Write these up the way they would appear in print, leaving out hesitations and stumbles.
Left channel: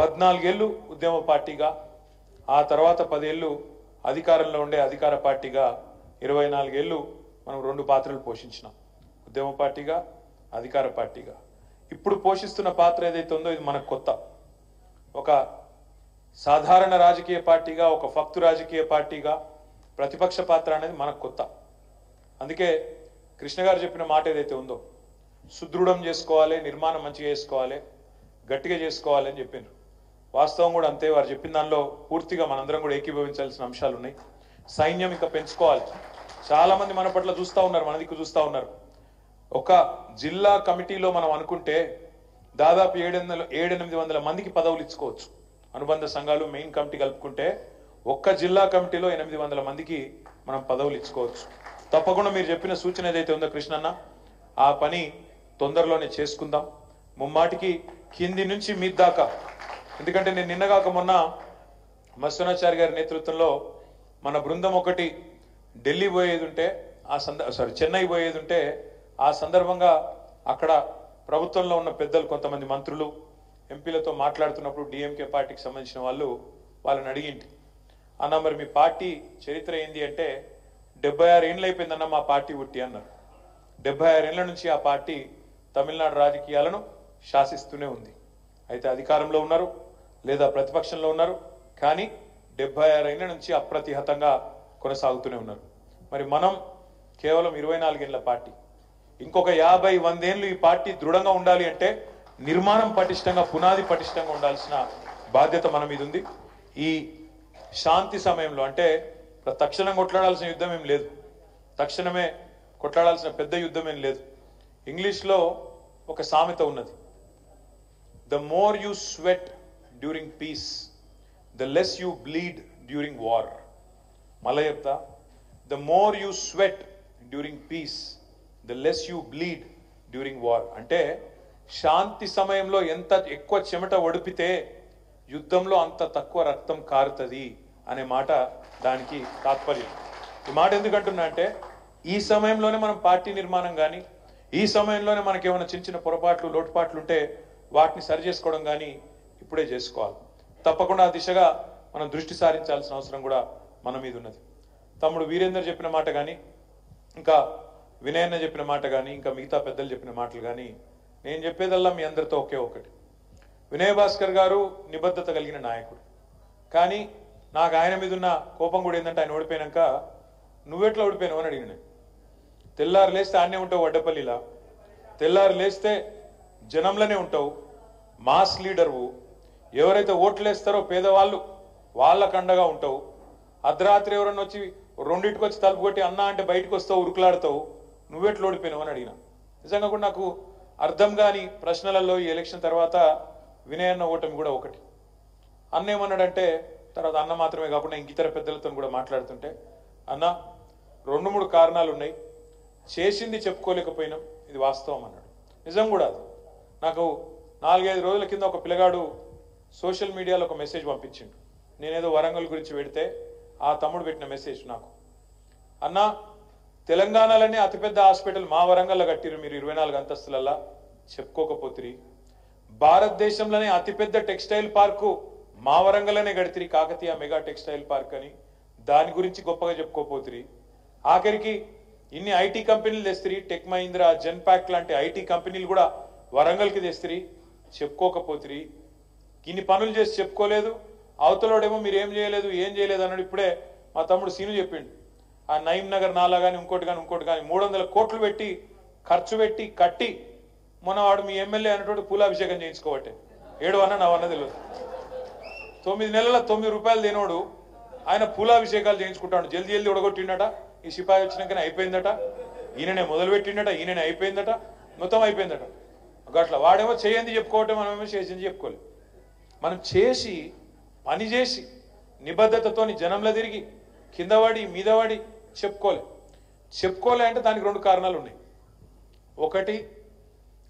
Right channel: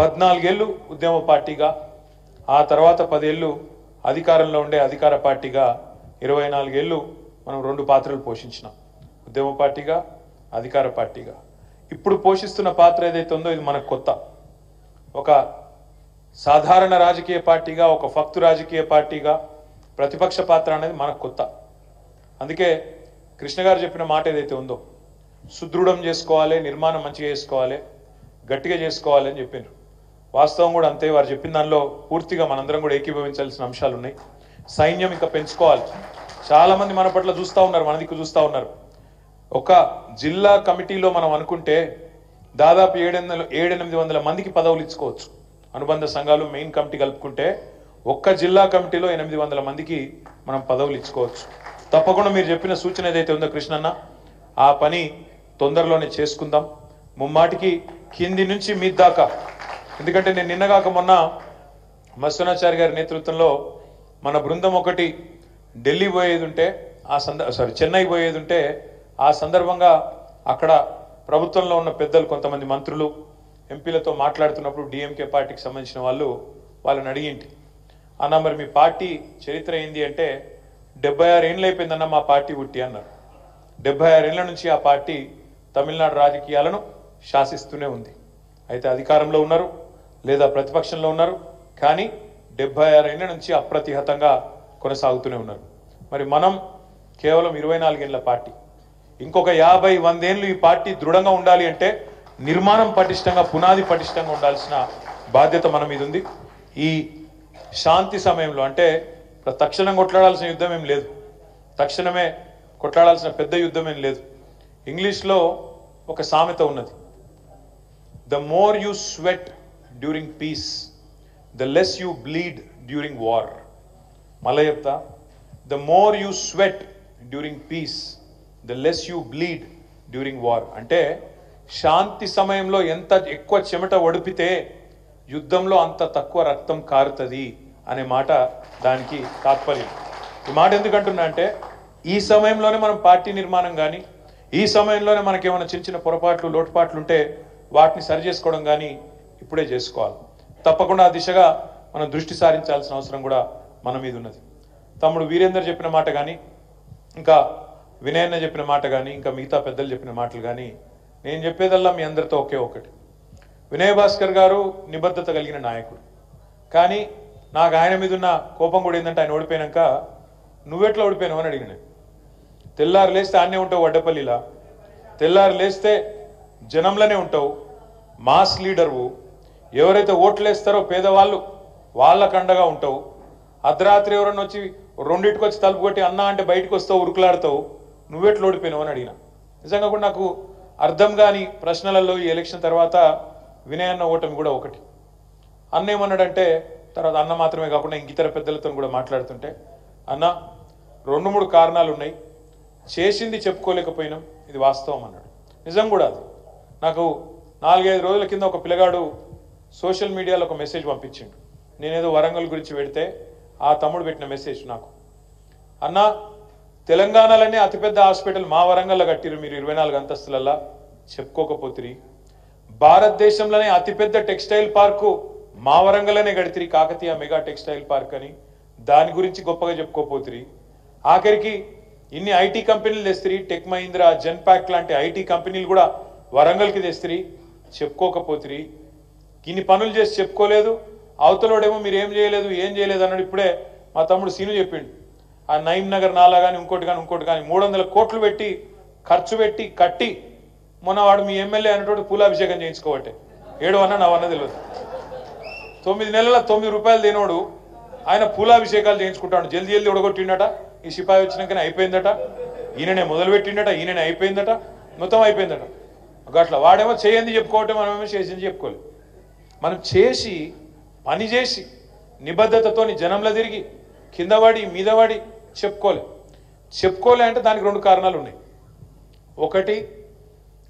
14 ఏళ్ళు ఉద్యమ పార్టీగా, ఆ తర్వాత 10 ఏళ్ళు అధికారంలో ఉండే అధికార పార్టీగా, 24 ఏళ్ళు మనం 2 పాత్రలు పోషించినాం. ఉద్యమ పార్టీగా, అధికార పార్టీగా. ఇప్పుడు పోషిస్తున్న పాత్ర ఏదైతే ఉందో ఇది మనకు కొత్త. ఒక సాధారణ రాజకీయ పార్టీగా, ఒక ఫక్తు రాజకీయ పార్టీగా ప్రతిపక్ష పాత్ర అనేది మనకు కొత్త. అందుకే కృష్ణ గారు చెప్పిన మాట ఏదైతే ఉందో, సుదృఢం చేసుకోవాలి, నిర్మాణం మంచిగా చేసుకోవాలి, గట్టిగా చేసుకోవాలి అని చెప్పినారు. వాస్తవం కూడా అంతే. వారు చెప్పిన దానిలో పూర్తిగా మనందరం కూడా ఏకీభవించాల్సిన అంశాలు ఉన్నాయి. సైన్యం ఇంకా పెంచుకోవాలి. చాలా మంది మన పట్ల చూస్తూ ఉన్నారు, మన దిక్కు చూస్తూ ఉన్నారు. ఒక జిల్లా కమిటీలో మనం అనుకుంటే దాదాపు 700-800 మందికి పదవులు ఇచ్చుకోవచ్చు. అనుబంధ సంఘాలు మెయిన్ కమిటీ కలుపుకుంటే ఒక్క జిల్లా కమిటీలో 800 మందికి మనం పదవులు ఇచ్చుకోవచ్చు. తప్పకుండా మీరు చెప్పిన సూచన ఏదైతే ఉందో కృష్ణన్న, ఆ పని తొందరలోనే చేసుకుందాం. ముమ్మాటికి కింది నుంచి మీ దాకా. ఎందుకంటే నేను నిన్నగాక మొన్న మత్స్యనాచారి గారి నేతృత్వంలో మన బృందం ఒకటి ఢిల్లీ పోయేది ఉంటే, చెన్నై పోయేది ఉంటే, ఆ సందర్భంగా అక్కడ ప్రభుత్వంలో ఉన్న పెద్దలు, కొంతమంది మంత్రులు, ఎంపీలతో మాట్లాడుతున్నప్పుడు డిఎంకే పార్టీకి సంబంధించిన వాళ్ళని అడిగింటి, అన్న మరి మీ పార్టీ చరిత్ర ఏంది అంటే 76 ఏళ్ళు అయిపోయిందన్న మా పార్టీ పుట్టి అన్నారు. 76 ఏళ్ల నుంచి ఆ పార్టీ తమిళనాడు రాజకీయాలను శాసిస్తూనే ఉంది. అయితే అధికారంలో ఉన్నారు లేదా ప్రతిపక్షంలో ఉన్నారు, కానీ 76 ఏళ్ల నుంచి అప్రతిహతంగా కొనసాగుతూనే ఉన్నారు. మరి మనం కేవలం 24 ఏళ్ల పార్టీ. ఇంకొక 50-100 ఏళ్ళు ఈ పార్టీ దృఢంగా ఉండాలి అంటే నిర్మాణం పటిష్టంగా, పునాది పటిష్టంగా ఉండాల్సిన బాధ్యత మన మీద ఉంది. ఈ శాంతి సమయంలో అంటే తక్షణం కొట్లాడాల్సిన యుద్ధం ఏం లేదు, తక్షణమే కొట్లాడాల్సిన పెద్ద యుద్ధం ఏం లేదు. ఇంగ్లీష్లో ఒక సామెత ఉన్నది, the more you sweat during piece the less you bleed during war. మళ్ళీ చెప్తా, the more you sweat during piece the less you bleed during war. అంటే శాంతి సమయంలో ఎంత ఎక్కువ చెమట ఒడిపితే యుద్ధంలో అంత తక్కువ రక్తం కారుతుంది అనే మాట దానికి తాత్పర్యం. ఈ మాట ఎందుకంటున్నా అంటే ఈ సమయంలోనే మనం పార్టీ నిర్మాణం కానీ, ఈ సమయంలోనే మనకేమైనా చిన్న చిన్న పొరపాట్లు, లోటుపాట్లు ఉంటే వాటిని సరి చేసుకోవడం కానీ ఇప్పుడే చేసుకోవాలి. తప్పకుండా ఆ దిశగా మనం దృష్టి సారించాల్సిన అవసరం కూడా మన మీద ఉన్నది. తమ్ముడు వీరేందర్ చెప్పిన మాట కానీ, ఇంకా వినయన్న చెప్పిన మాట కానీ, ఇంకా మిగతా పెద్దలు చెప్పిన మాటలు కానీ, నేను చెప్పేదల్లా మీ అందరితో ఒకే ఒకటి. వినయ్ భాస్కర్ గారు నిబద్ధత కలిగిన నాయకుడు, కానీ నాకు ఆయన మీద ఉన్న కోపం కూడా ఏంటంటే ఆయన ఓడిపోయాక నువ్వెట్లా ఓడిపోయినావు అని అడిగిన. తెల్లారు లేస్తే ఆనే ఉంటావు వడ్డపల్లిలా, తెల్లారు లేస్తే జనంలోనే ఉంటావు, మాస్ లీడర్వు, ఎవరైతే ఓట్లేస్తారో పేదవాళ్ళు వాళ్ళకు అండగా ఉంటావు. అర్ధరాత్రి ఎవరన్నా వచ్చి 2ంటికి వచ్చి తలుపు కొట్టి అన్నా అంటే బయటకు వస్తావు, ఉరుకులాడుతావు, నువ్వెట్లా ఓడిపోయినావు అని అడిగిన. నిజంగా కూడా నాకు అర్థం కాని ప్రశ్నలలో ఈ ఎలక్షన్ తర్వాత వినయన్న ఓటమి కూడా ఒకటి. అన్న ఏమన్నాడంటే, తర్వాత అన్న మాత్రమే కాకుండా ఇంక ఇతర పెద్దలతో కూడా మాట్లాడుతుంటే, అన్న 2-3 కారణాలు ఉన్నాయి, చేసింది చెప్పుకోలేకపోయినాం, ఇది వాస్తవం అన్నాడు. నిజం కూడా అది. నాకు 4-5 రోజుల కింద ఒక పిల్లగాడు సోషల్ మీడియాలో ఒక మెసేజ్ పంపించిండు. నేనేదో వరంగల్ గురించి పెడితే ఆ తమ్ముడు పెట్టిన మెసేజ్ నాకు, అన్న తెలంగాణలోనే అతిపెద్ద హాస్పిటల్ మా వరంగల్లో కట్టిరు మీరు 24 అంతస్తులల్లా, చెప్పుకోకపోతిరి. భారతదేశంలోనే అతిపెద్ద టెక్స్టైల్ పార్కు మా వరంగల్లోనే కడితిరి, కాకతీయ మెగా టెక్స్టైల్ పార్క్ అని, దాని గురించి గొప్పగా చెప్పుకోపోతిరి. ఆఖరికి ఇన్ని ఐటీ కంపెనీలు తెస్తిరి, టెక్ మహీంద్రా, జెన్పాక్ లాంటి ఐటీ కంపెనీలు కూడా వరంగల్కి తెస్తిరి, చెప్పుకోకపోతిరి. ఇన్ని పనులు చేసి చెప్పుకోలేదు, అవతలోడేమో మీరు ఏం చేయలేదు అన్నాడు. ఇప్పుడే మా తమ్ముడు సీను చెప్పిండు, ఆ నయీం నగర్ నాలా కానీ ఇంకోటి కానీ 300 కోట్లు పెట్టి ఖర్చు పెట్టి కట్టి మొన్నవాడు మీ ఎమ్మెల్యే అనేటోడు పూలాభిషేకం చేయించుకోవట్టే. 7 అన్న 9 తెలియదు. 9 నెలల 9 రూపాయలు తినోడు ఆయన పూలాభిషేకాలు చేయించుకుంటాడు. జల్దీ ఉడగొట్టిండట, ఈ సిపాయి వచ్చినాకనే అయిపోయిందట, ఈయననే మొదలుపెట్టిండట, ఈయననే అయిపోయిందట, మొత్తం అయిపోయిందట. అట్లా వాడేమో చేయండి చెప్పుకోవటం, మనమేమో చేసింది చెప్పుకోలేదు. మనం చేసి పని చేసి నిబద్ధతతో జనంలో తిరిగి కిందవాడి మీదవాడి చెప్పుకోలే అంటే దానికి 2 కారణాలు ఉన్నాయి. ఒకటి,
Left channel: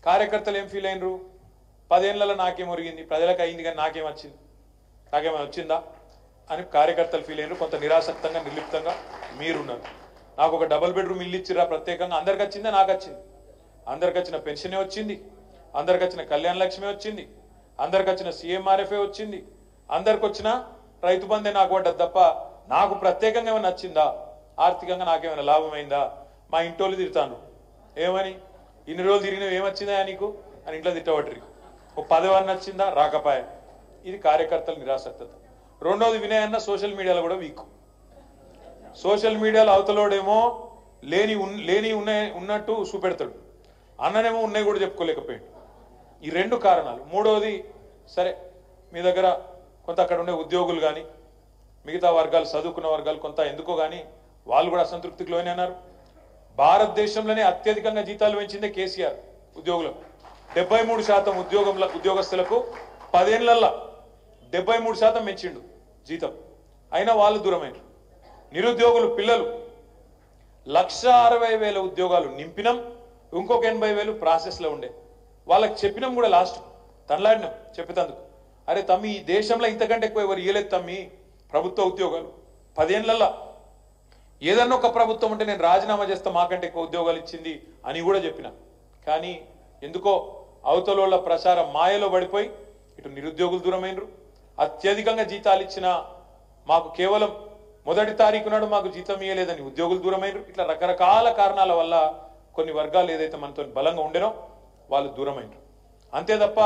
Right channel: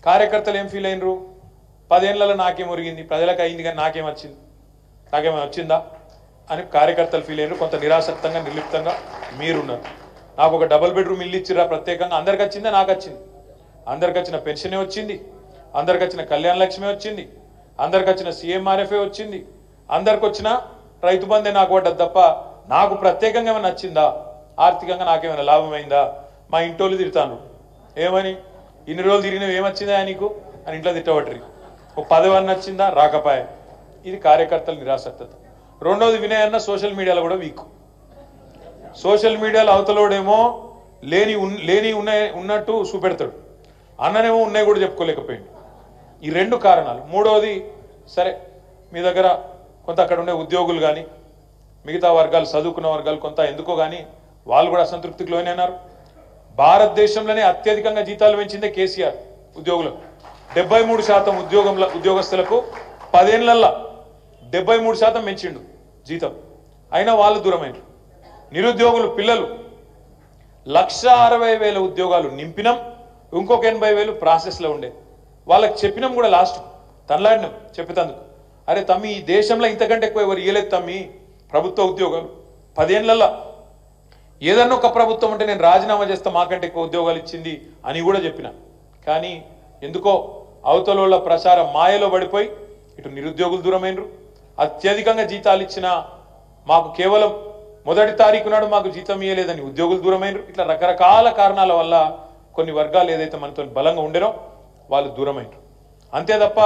కార్యకర్తలు ఏం ఫీల్ అయినరు, 10 ఏళ్లలో నాకేం ఒరిగింది, ప్రజలకు అయింది కానీ నాకేమైనా వచ్చిందా అని కార్యకర్తలు ఫీల్ అయినరు. కొంత నిరాసక్తంగా నిర్లిప్తంగా మీరున్నారు. నాకు ఒక డబుల్ బెడ్రూమ్ ఇల్లు ఇచ్చిరా ప్రత్యేకంగా, అందరికి వచ్చిందా? నాకు వచ్చింది. అందరికి వచ్చిన పెన్షనే వచ్చింది, అందరికి వచ్చిన కళ్యాణ లక్ష్మి వచ్చింది, అందరికి వచ్చిన సీఎంఆర్ఎఫ్ఏ వచ్చింది, అందరికి వచ్చిన రైతు బంధే నాకు పడ్డది తప్ప నాకు ప్రత్యేకంగా ఏమైనా నచ్చిందా? ఆర్థికంగా నాకేమైనా లాభమైందా? మా ఇంటోళ్ళు తిడతాను, ఏమని ఇన్ని రోజులు తిరిగినవి ఏమొచ్చిందా నీకు అని ఇంట్లో తిట్టబట్టరి. ఒక పదవి నచ్చిందా? రాకపాయ. ఇది కార్యకర్తల నిరాసక్తత. రెండోది వినయ్ అన్న సోషల్ మీడియాలో కూడా వీక్. సోషల్ మీడియాలో అవతలోడేమో లేని ఉన్నట్టు చూపెడతాడు, అన్ననేమో ఉన్నాయి కూడా చెప్పుకోలేకపోయాడు. ఈ రెండు కారణాలు. మూడవది, సరే మీ దగ్గర కొంత అక్కడ ఉండే ఉద్యోగులు కానీ మిగతా వర్గాలు చదువుకున్న వర్గాలు కొంత ఎందుకో కానీ వాళ్ళు కూడా అసంతృప్తికి లోనైనారు. భారతదేశంలోనే అత్యధికంగా జీతాలు పెంచిందే కేసీఆర్ ఉద్యోగులకు. 73% ఉద్యోగస్తులకు 10 ఏళ్లలో 73% పెంచిండు జీతం. అయినా వాళ్ళు దూరమైనరు. నిరుద్యోగులు పిల్లలు 1,60,000 ఉద్యోగాలు నింపినాం, ఇంకొక 80,000 ప్రాసెస్లో ఉండే. వాళ్ళకి చెప్పినాం కూడా, లాస్ట్ తనలాడినాం చెప్పేందుకు, అరే తమ్మి ఈ దేశంలో ఇంతకంటే ఎక్కువ ఎవరు ఇయ్యలేదు తమ్మి ప్రభుత్వ ఉద్యోగాలు 10 ఏళ్లలో. ఏదన్నా ఒక ప్రభుత్వం అంటే నేను రాజీనామా చేస్తా, మాకంటే ఎక్కువ ఉద్యోగాలు ఇచ్చింది అని కూడా చెప్పిన. కానీ ఎందుకో అవతలోళ్ళ ప్రచారం మాయలో పడిపోయి ఇటు నిరుద్యోగులు దూరమైనరు. అత్యధికంగా జీతాలు ఇచ్చిన మాకు కేవలం మొదటి తారీఖు నాడు మాకు జీతం ఇయ్యలేదని ఉద్యోగులు దూరమైనరు. ఇట్లా రకరకాల కారణాల వల్ల కొన్ని వర్గాలు ఏదైతే మనతో బలంగా ఉండేనో వాళ్ళు దూరమైనరు. అంతే తప్ప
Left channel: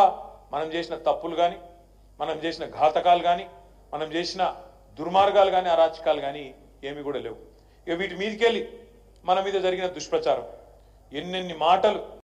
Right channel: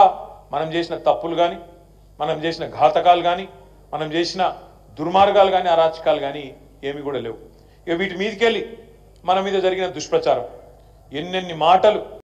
మనం చేసిన తప్పులు కానీ, మనం చేసిన ఘాతకాలు కానీ, మనం చేసిన దుర్మార్గాలు కానీ, అరాచకాలు కానీ ఏమి కూడా లేవు. ఇక వీటి మీదకెళ్ళి మన మీద జరిగిన దుష్ప్రచారం, ఎన్నెన్ని మాటలు